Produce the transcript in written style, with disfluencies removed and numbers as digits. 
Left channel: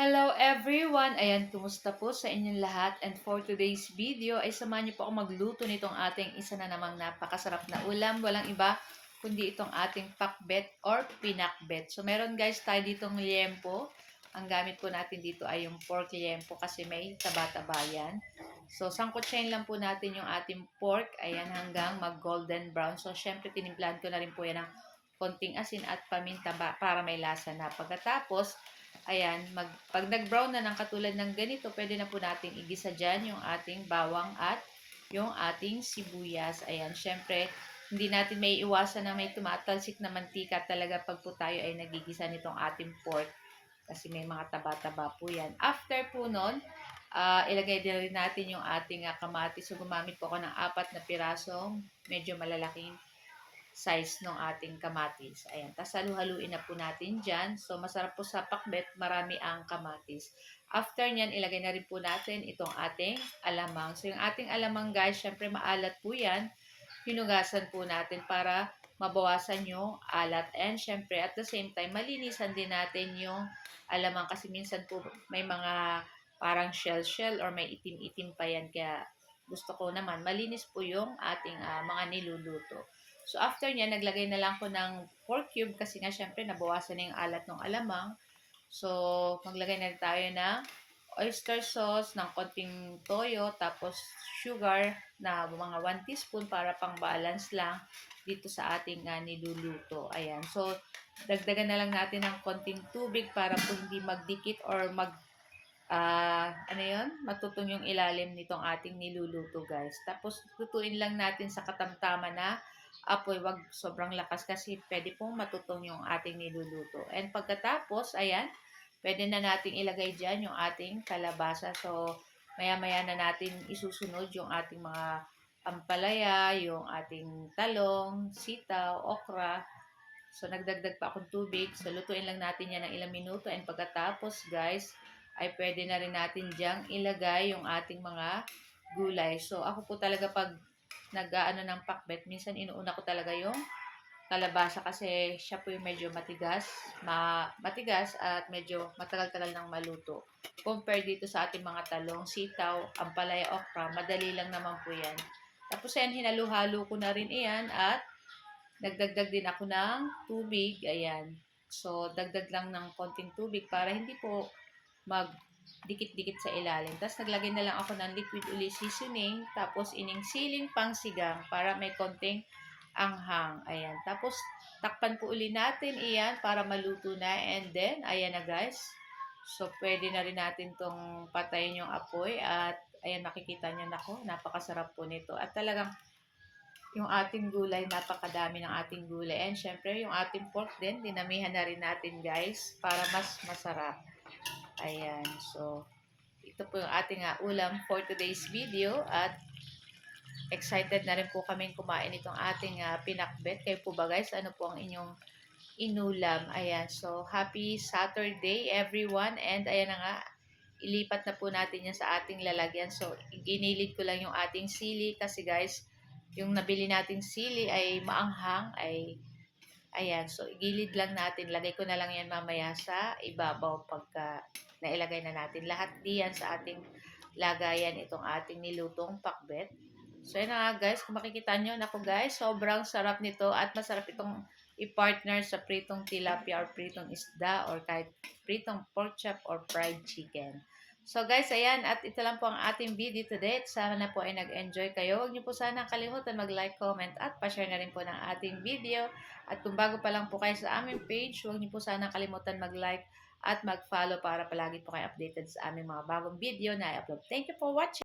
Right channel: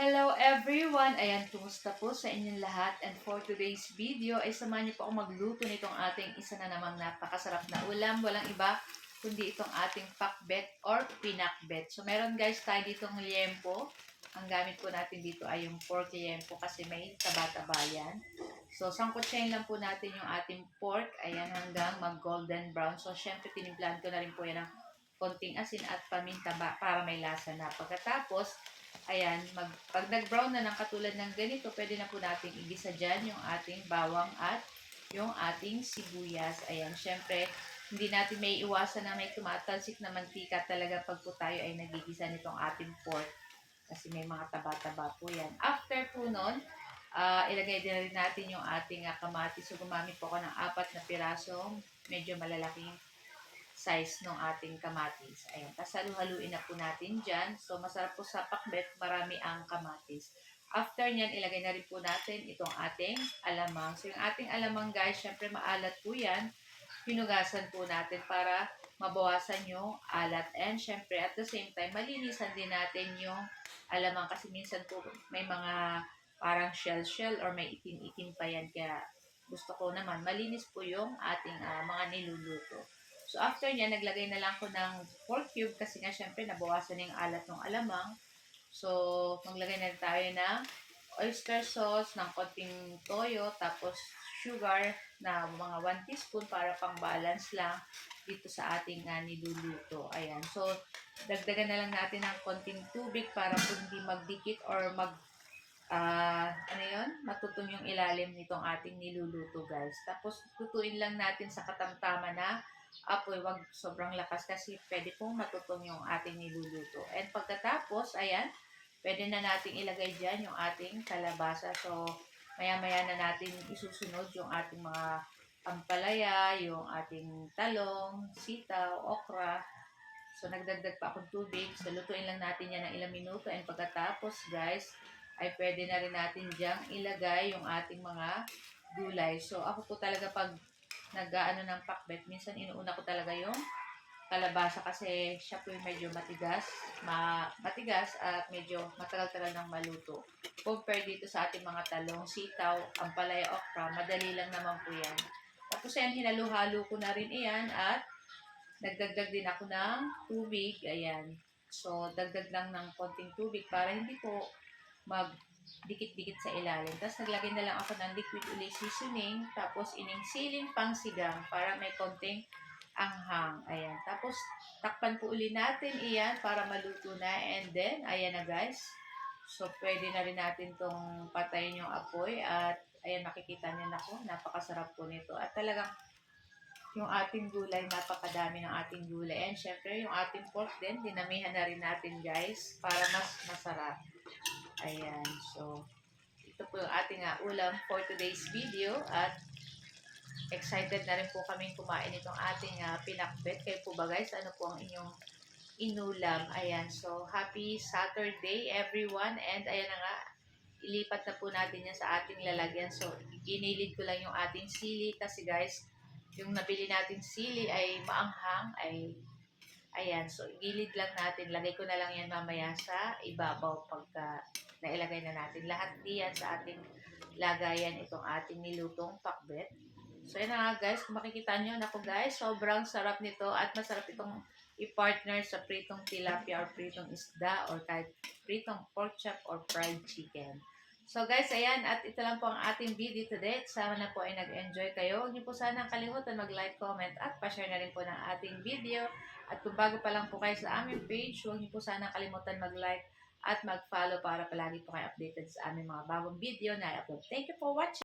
Hello everyone! Ayan, kumusta po sa inyong lahat? And for today's video ay samahan niyo po ako magluto nitong ating isa na namang napakasarap na ulam. Walang iba kundi itong ating pakbet or pinakbet. So meron guys tayo ditong liempo. Ang gamit po natin dito ay yung pork liempo kasi may taba-taba yan. So sangkutsahin lang po natin yung ating pork. Ayan, hanggang mag golden brown. So syempre tinimplahan ko na rin po yan ng konting asin at paminta para may lasa na. Pagkatapos, ayan, pag nag-brown na ng katulad ng ganito, pwede na po nating igisa dyan yung ating bawang at yung ating sibuyas. Ayan, syempre, hindi natin may iwasan na may tumatalsik na mantika talaga pag po tayo ay nagigisa nitong ating pork. Kasi may mga taba-taba po yan. After po nun, ilagay din rin natin yung ating kamatis. So, gumamit po ako ng 4 na pirasong medyo malalaking size ng ating kamatis. Ayan, tapos halu-haluin na po natin dyan. So, masarap po sa pakbet, marami ang kamatis. After nyan, ilagay na rin po natin itong ating alamang. So, yung ating alamang guys, syempre maalat po yan. Hinugasan po natin para mabawasan yung alat. And syempre, at the same time, malinisan din natin yung alamang kasi minsan po may mga parang shell-shell or may itim-itim pa yan. Kaya gusto ko naman, malinis po yung ating mga niluluto. So, after niya, naglagay na lang ko ng pork cube kasi nga, syempre, nabawasan na yung alat ng alamang. So, maglagay na rin tayo ng oyster sauce, ng konting toyo, tapos sugar na mga 1 teaspoon para pang balance lang dito sa ating niluluto. Ayan. So, dagdagan na lang natin ng konting tubig para po hindi magdikit or matutong yung ilalim nitong ating niluluto guys. Tapos, lutuin lang natin sa katamtaman na apoy, wag sobrang lakas kasi pwede pong matutong yung ating niluluto. And pagkatapos, ayan, pwede na nating ilagay dyan yung ating kalabasa. So, maya-maya na natin isusunod yung ating mga ampalaya, yung ating talong, sitaw, okra. So, nagdagdag pa akong tubig. So, lutuin lang natin yan ng ilang minuto. And pagkatapos, guys, ay pwede na rin natin dyang ilagay yung ating mga gulay. So, ako po talaga pag nag-aano ng pakbet, minsan inuuna ko talaga yung kalabasa kasi siya po yung medyo matigas at medyo matagal-tagal nang maluto. Compare dito sa ating mga talong, sitaw, ampalaya, okra, madali lang naman po yan. Tapos yan, hinalo-halo ko na rin iyan at nagdagdag din ako ng tubig. Ayan. So, dagdag lang ng konting tubig para hindi po dikit-dikit sa ilalim. Tapos naglagay na lang ako ng liquid uli seasoning, tapos ining siling pangsigang para may konting anghang. Ayan. Tapos takpan po uli natin iyan para maluto na. And then, ayan na guys. So, pwede na rin natin tong patayin yung apoy at ayan, makikita nyo na ko, napakasarap po nito. At talagang yung ating gulay, napakadami ng ating gulay. And syempre, yung ating pork din, dinamihan na rin natin guys para mas masarap. Ayan, so ito po yung ating ulam for today's video at excited na rin po kaming kumain itong ating pinakbet. Kayo po ba guys, ano po ang inyong inulam? Ayan, so happy Saturday everyone and ayan na nga, ilipat na po natin yan sa ating lalagyan. So, ginilid ko lang yung ating sili kasi guys, yung nabili nating sili ay maanghang, ayan, so igilid lang natin. Lagay ko na lang yan mamaya sa ibabaw pagka nailagay na natin. Lahat diyan sa ating lagayan itong ating nilutong pakbet. So yun na nga guys, kung makikita nyo, naku guys, sobrang sarap nito at masarap itong i-partner sa pritong tilapia or pritong isda or kahit pritong pork chop or fried chicken. So guys, ayan, at ito lang po ang ating video today. Sana po ay nag-enjoy kayo. Huwag niyo po sana kalimutan mag-like, comment at pa-share na rin po ng ating video. At kung bago pa lang po kayo sa aming page, huwag niyo po sana kalimutan mag-like at mag-follow para palagi po kayo updated sa aming mga bagong video na i-upload. Thank you for watching!